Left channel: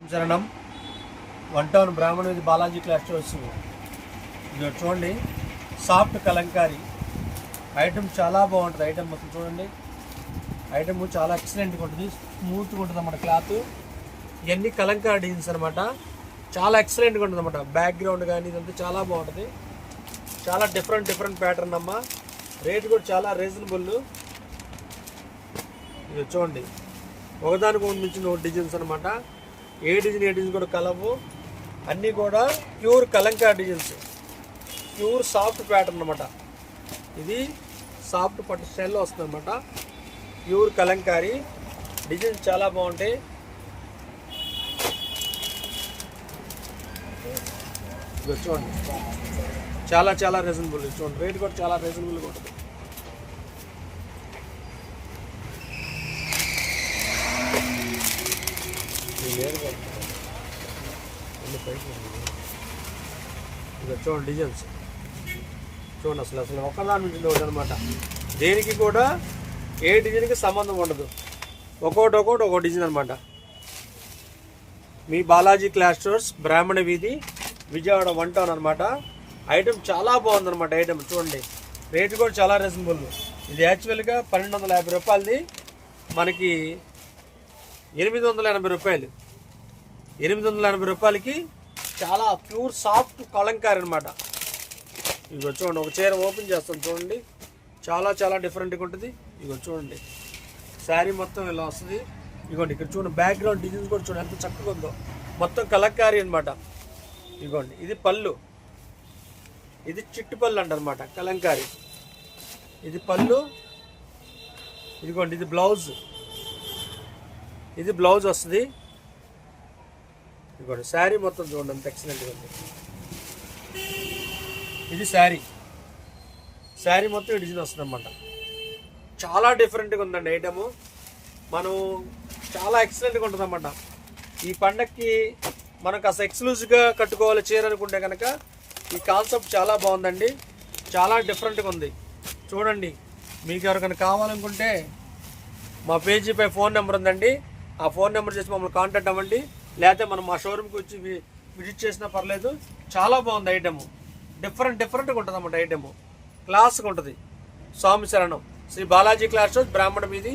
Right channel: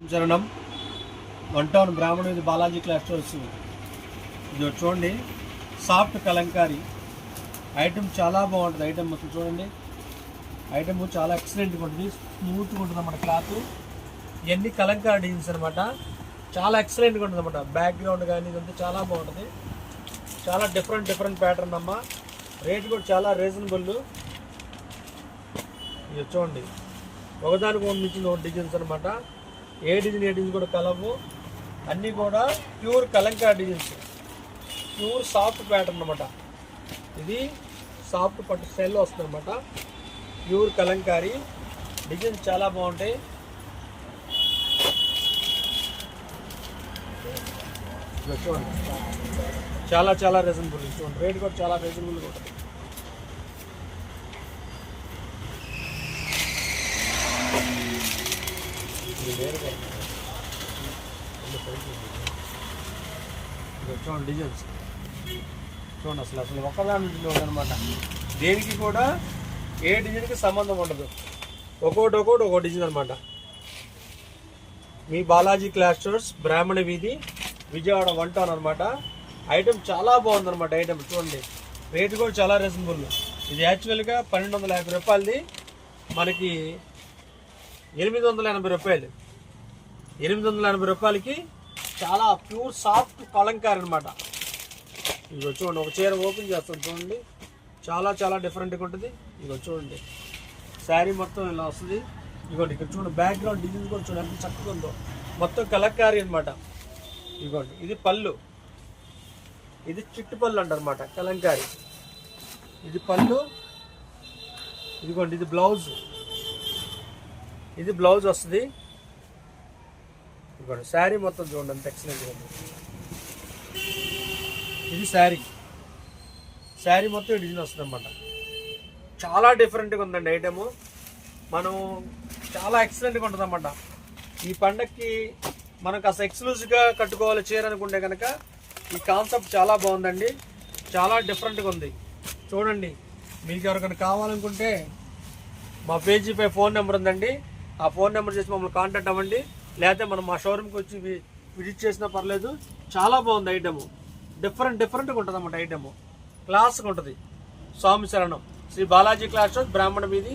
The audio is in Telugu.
చరణం 1 టౌన్ బ్రాహ్మణ వీధి బాలాజీ క్లాస్ స్టోర్స్. ఇది చూడండి, సాఫ్ట్ కలంకారీ ఐటమ్ చాలా బాగుంటుంది. ఐటమ్ మొత్తం చూడండి, ఐటమ్ చాలా ఎక్సలెంట్గా ఉంటుంది, స్మూత్గా ఉంటుంది అన్నమాట. క్లాత్ ఇవన్నీ కలంకారీ డిజైన్స్ అనమాట, చాలా ఎక్సలెంట్గా ఉంటుంది అన్నమాట. బ్యాక్గ్రౌండ్ కానీ ఇదంతా చాలా బాగుంటుంది, చాలా డిఫరెంట్ ప్యాటర్న్ అమ్మ. రేట్ కూడా చాలా రీజనబుల్. ఇది చూడండి, ఒకదానికి మించిన ఒక డిజైన్స్ అనమాట. ఏ డిజైన్ కూడా కలవు, అన్నీ కూడా pure Kalamkari designs, pure soft pattern అనమాట. ఇది సాఫ్ట్ పట్టు స్టైల్ వస్తుంది అనమాట. ప్యూర్ కలంకారీ డిజైన్స్ చాలా బాగుంటాయి. చూడండి, చాలా రీజనబుల్. చూడండి, రేట్ కూడా చాలా రీజనబుల్గా ఉంటుంది. చూడండి డిజైన్స్, చూడండి అసలు ఒక్కదాని నుంచి ఒకటి అనమాట. దేనికి కూడా ఏ డిజైన్కి సంబంధం ఉండదు, ఒక్కొక్కటి ఒక్కో డిజైన్ అనమాట. మీ బాలాజీ క్లాస్ స్టోర్స్, బ్రాహ్మణ వీధి, విజయవాడ 1 టౌన్ అనమాట. ఐటమ్ చాలా బాగుందన్నమాట. ఐటమ్ చూడండి, రేట్ కూడా చాలా రీజనబుల్. ఇది యాక్చువల్గా 1250 రూపాయలది, మనకి 880 రూపాయలు. 880 రూపాయలకి చాలా ప్యూర్ సాఫ్ట్ కలంకారీ అనమాట. ఇదిగో చూడండి, ఒక చీర ఓపెన్ చేస్తాం చూడండి, చాలా డిఫరెంట్గా ఉంటుంది. ఇదిగో చూడండి, శారీ మొత్తం ఇలా వస్తుంది. ఇదిగోండి, ఇక్కడ చూడండి, బ్యాక్గ్రౌండ్ డిజైన్స్ కూడా చూడండి ఎంత చక్కగా ఉందో, మొత్తం కలంకారీ అనమాట. ఇదిగోండి, ఇది పళ్ళు, ఇది చిట్టు పళ్ళు అంటారనమాట, కలంకారీ. ఇది పళ్ళు, ఇదిగోండి, ఇది బ్లౌజ్. ఇది బ్లౌజ్ వస్తుంది. ఇదిగోండి, శారీ మొత్తం చూడండి ఎంత ఎక్సలెంట్గా ఉంది. ఇది శారీ మొత్తం డిజైన్ వస్తుంది అనమాట. చాలా డిఫరెంట్గా ఉందండి ఐటము. మనం చాలా ఎక్సలెంట్గా ఉంటుంది అన్నమాట. ఈ పండగకి మనకు అసలు ఎక్స్క్లూజివ్గా కట్టుకోవాలి చీర అనుకుంటే కనుక ఈ కాన్సెప్ట్ చాలా బాగుందండి, చాలా డిఫరెంట్గా ఉంది. చూడండి, మీకు ఎవరికైనా కావాలనుకుంటే మా పేజీపై ఫోన్ నెంబర్ ఉందండి, ఆ ఫోన్ నెంబర్ చేసి మమ్మల్ని కాంటాక్ట్ అవ్వండి. లేకపోతే మనం మా షోరూమ్కి వచ్చి విజిట్ చేసినా పర్లేదు. చాలా బాగుంది ఐటము, డిఫరెంట్గా ఉంటుంది అన్నమాట. ఐటము క్లాస్గా ఉంటుంది. స్వామి శరణం, శ్రీ బాలాజీ క్లాస్ స్టోర్స్, బ్రాహ్మణ వీధి,